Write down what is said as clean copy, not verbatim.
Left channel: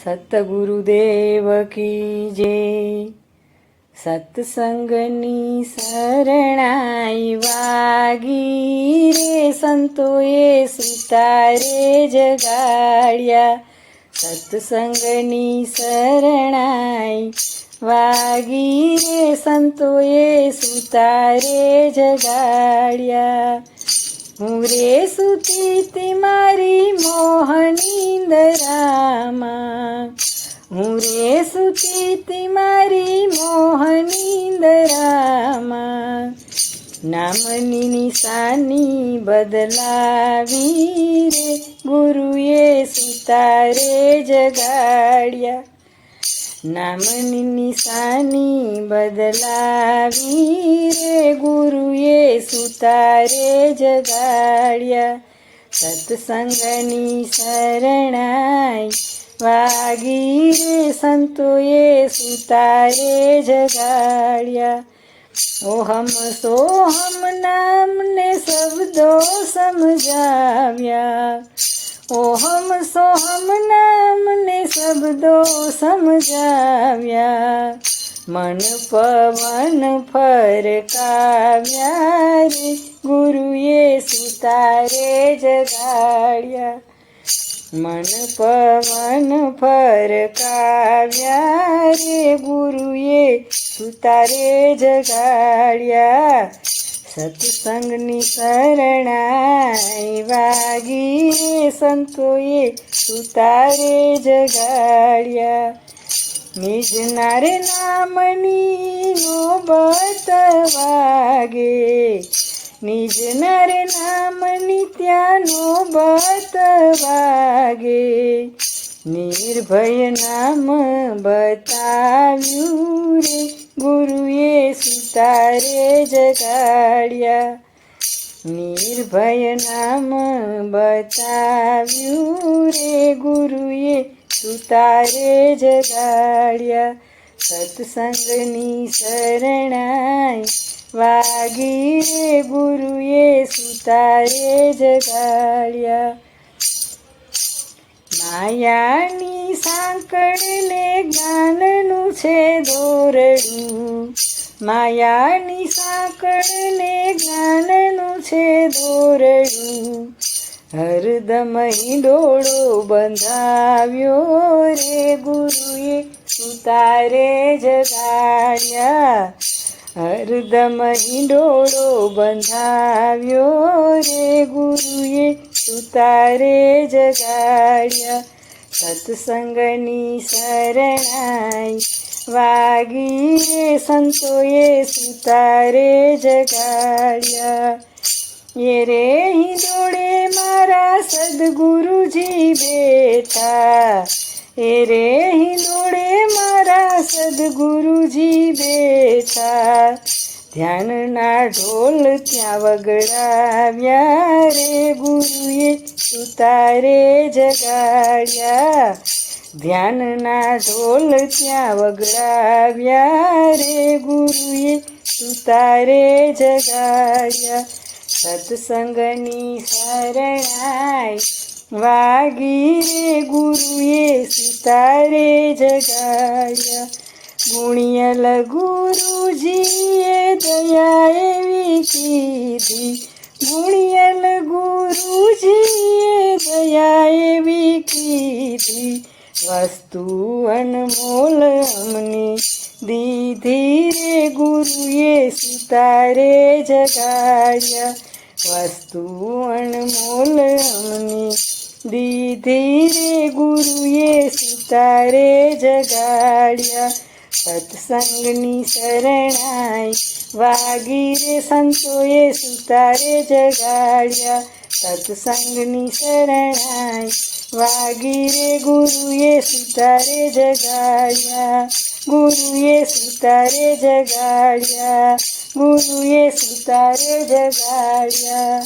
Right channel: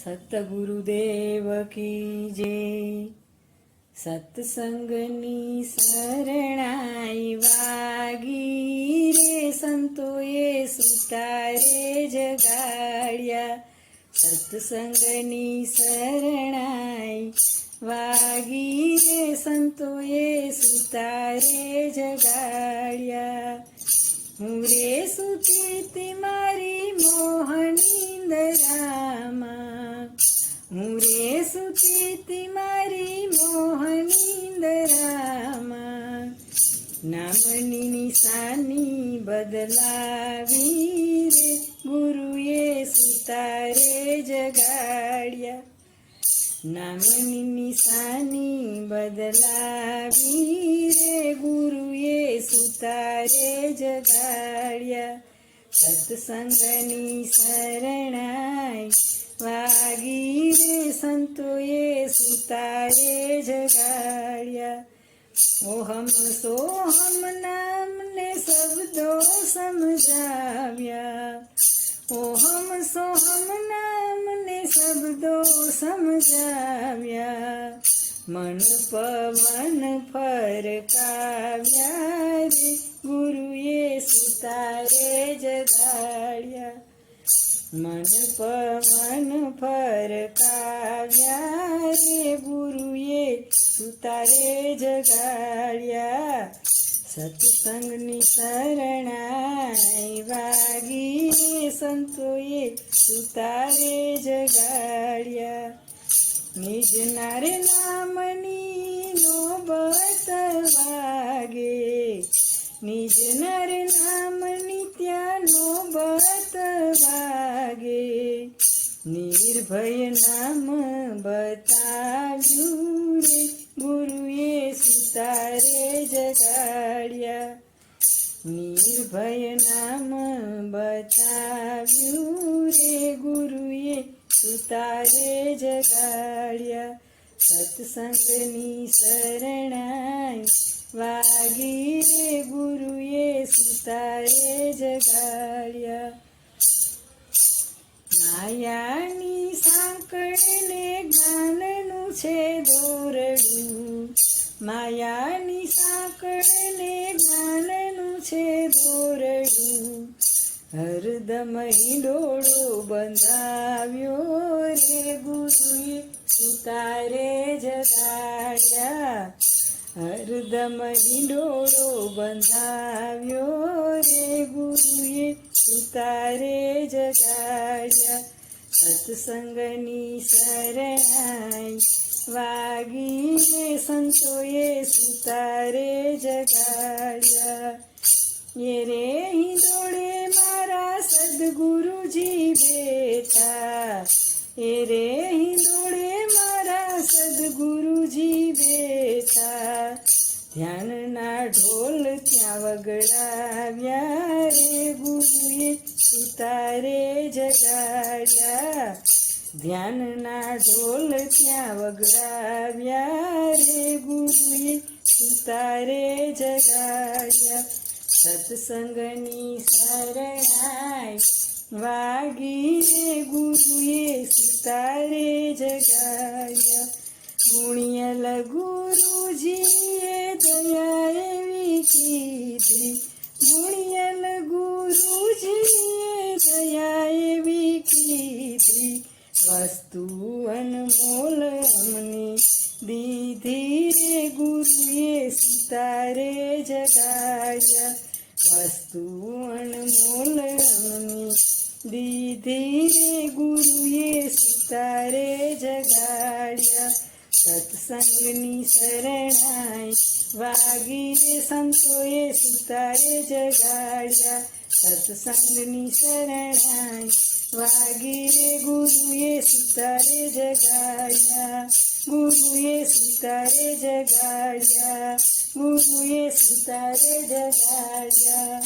સતગુરુદેવ કી જય. સત્સંગની શરણાઈ વાગી રે, સંતોએ સુતારે જગાડ્યા. સત્સંગની શરણાઈ વાગી રે, સંતોએ સુતારે જગાડ્યા. હું રે સુતી તી મારી મોહનીંદરામાં, હું રે સુતી તી મારી મોહનીંદરામાં. નામની નિશાની બદલાવી રે, ગુરુએ સુતારે જગાડ્યા. નામની નિશાની બદલાવી રે, ગુરુએ સુતારે જગાડ્યા. સત્સંગની શરણાઈ વાગી રે, સંતોએ સુતારે જગાડ્યા. ઓહમ સોહમ નામને શબ્દો સમજાવ્યા, ઓહમ સોહમ નામને શબ્દો સમજાવ્યા. મન પવન ફરકાવ્યા રે, ગુરુએ સુતારે જગાડ્યા. મન પવન ફરકાવ્યા રે, ગુરુએ સુતારે જગાડ્યા. સત્સંગની શરણાઈ વાગી રે, સંતોએ સુતારે જગાડ્યા. નિજના રે નામની નોબત વાગે, નિજના રે નામની ત્યાં નોબત વાગે. નિર્ભય નામ બતાવ્યું રે, ગુરુએ સુતારે જગાડ્યા. નિર્ભય નામ બતાવ્યું રે, ગુરુએ સુતારે જગાડ્યા. સત્સંગની શરણાઈ વાગી રે, ગુરુએ સુતારે જગાડ્યા. માયાની સાંકળને જ્ઞાનનું છે દોરડું, માયાની સાંકળને જ્ઞાનનું છે દોરડું. હરદમ હિંડોળો બંધાવ્યો રે, ગુરુએ સુતારે જગાડ્યા. હરદમ હિંડોળો બંધાવ્યો રે, ગુરુએ સુતારે જગાડ્યા. સત્સંગની શરણાઈ વાગી રે, સંતોએ સુતારે જગાડ્યા. એ રે હિંડોળે મારા સદગુરુજી બેઠા, એ રે હિંડોળે મારા સદગુરુજી બેઠા. ધ્યાનના ઢોલ ત્યાં વગડાવ્યા રે, ગુરુએ સુતારે જગાડ્યા. ધ્યાનના ઢોલ ત્યાં વગડાવ્યા રે, ગુરુએ સુતારે જગાડ્યા. સત્સંગની શરણાઈ વાગી રે, ગુરુએ સુતારે જગાડ્યા. ગુણિયલ ગુરુજીએ દયા એવી કીધી, ગુણિયલ ગુરુજીએ દયા એવી કીધી. વસ્તુ અનમોલ અમને દીધી રે, ગુરુએ સુતારે જગાડ્યા. વસ્તુ અનમોલ અમને દીધી રે, ગુરુએ સુતારે જગાડ્યા. સત્સંગની શરણાઈ વાગી રે, સંતોએ સુતારે જગાડ્યા. સત્સંગની શરણાઈ વાગી રે, ગુરુએ સુતારે જગાડ્યા. ગુરુએ સુતારે જગાડ્યા, ગુરુએ સુતારે જગાડ્યા.